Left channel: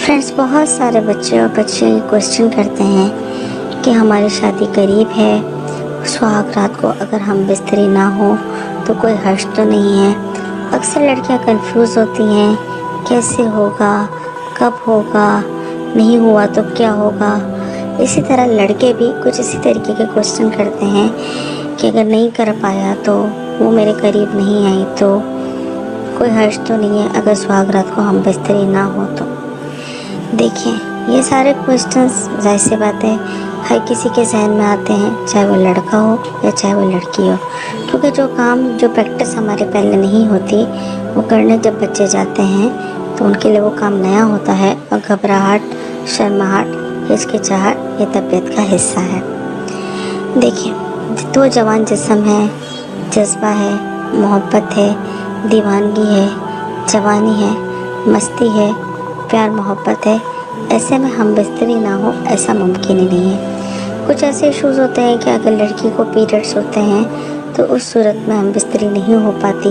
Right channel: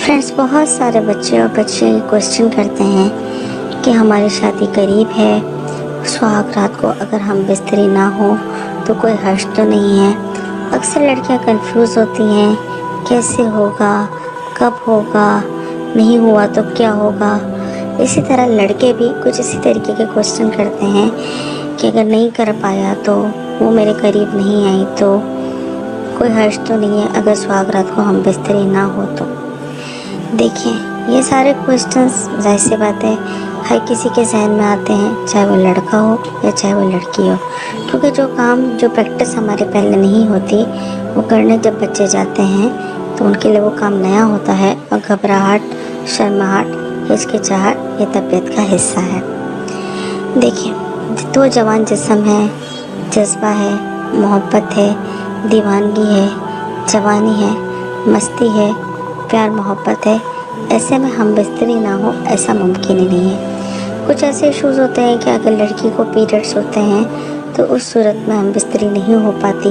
Friends, बहुत सारे बच्चे और बच्चे क्वेश्चन करते हैं कि हमारी शादी करीब है, सुहाग रात को अगर हम बिस्तरी ना हो तो कोई हर्ष तो नहीं है। अक्सर लड़कियां कंफ्यूज होती हैं, कैसे होगा, कब होगा, नहीं हुआ तो क्या होगा। इसी तरह लड़के भी कुछ इसी तरीके के क्वेश्चन करते हैं कि अगर नहीं कर पाया तो, वो मेरे करीब नहीं आई तो, कोई हर्ष तो नहीं है अगर सुहाग रात को हम बिस्तरी ना हो तो। देखिए, ये सारे क्वेश्चंस वैसे बातें हर किसी के जहन में आते हैं, चाहे वो लड़का हो या चाहे वो लड़की हो, क्योंकि जो प्रैक्टिस हमारे पहले नहीं होती, वो करने जब बच्चे जाते हैं तो उनके लिए वो काम नया होता है और घबराहट, शर्माहट, हिचकिचाहट ये तबीयत का हिस्सा है। देखिए, तो जवान जिस्म है, जज्बा है, मोहब्बत है, दीवानगी है, जवानी है, मस्ती है, प्यार मोहब्बत है, ऐसे में हम बिस्तरी ना हो ऐसा मुमकिन ही नहीं है। कुछ ऐसे इश्यूज होते हैं कि अगर लड़की को पीरियड्स होते हैं तो उस सूरत में हम बिस्तरी नहीं हो पाती,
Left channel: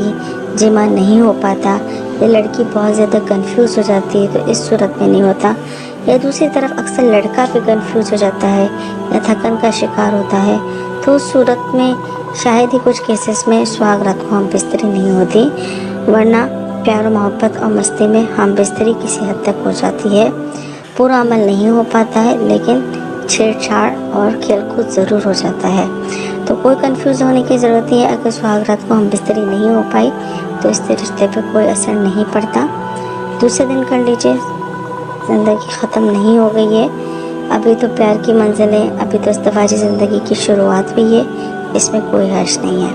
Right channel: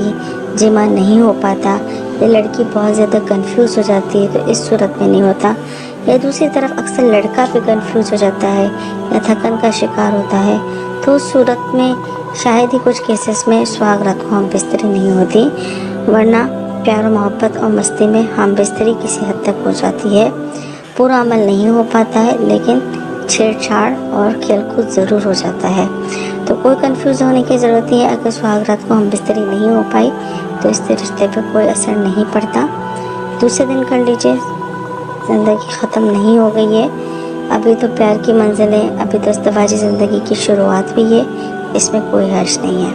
जिमा नहीं हो पाता, या लड़की बहुत ज़्यादा कंफ्यूज हो जाती है तो इस सूरत में नहीं होता, या दूसरी तरफ अक्सर लड़का भी कंफ्यूज हो जाता है या थकन का शिकार होता है तो उस सूरत में शायद ही कुछ केसेस में सुहाग रात को हम बिस्तरी नहीं होती, वरना प्यार मोहब्बत और मस्ती में हम बिस्तरी किसी हद तक हो जाती है। पूरा अमल नहीं हो पाता है लेकिन छेड़छाड़ और खेलकूद ज़रूर हो जाता है। तो कोई कंफ्यूज होने की ज़रूरत है, अगर सुहाग रात को हम बिस्तरी नहीं हो पाई तो इससे रिश्ते पर कोई असर नहीं पड़ता। दूसरे दिन कर लीजिए, ज़िंदगी ख़त्म नहीं हो गई है, अभी तो प्यार की मंजिल है, अभी तो इज़्दिवाजी ज़िंदगी की शुरुआत भी है, इसमें कोई हर्ष नहीं है।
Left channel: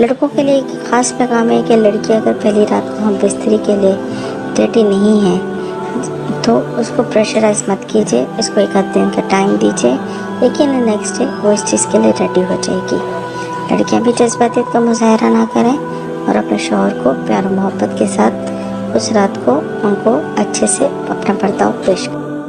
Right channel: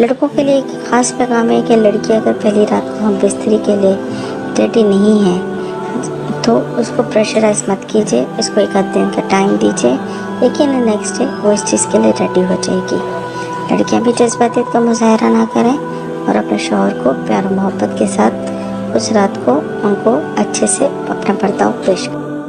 लड़कों के लिए एक ख़ास पैगाम है कि लड़की अगर पहली रात को हम बिस्तरी के लिए रेडी नहीं है तो उसको प्रेशराइज मत कीजिए, इसको एक आध दिन का टाइम दीजिए, लेकिन नेक्स्ट डे वो इस चीज़ के लिए रेडी हो जाएगी। लड़कियां भी जज्बातियत का मुजाहरा ना करें और अपने शौहर को प्यार और मोहब्बत के साथ उस रात को उनको अच्छे से अपना बर्ताव पेश करें।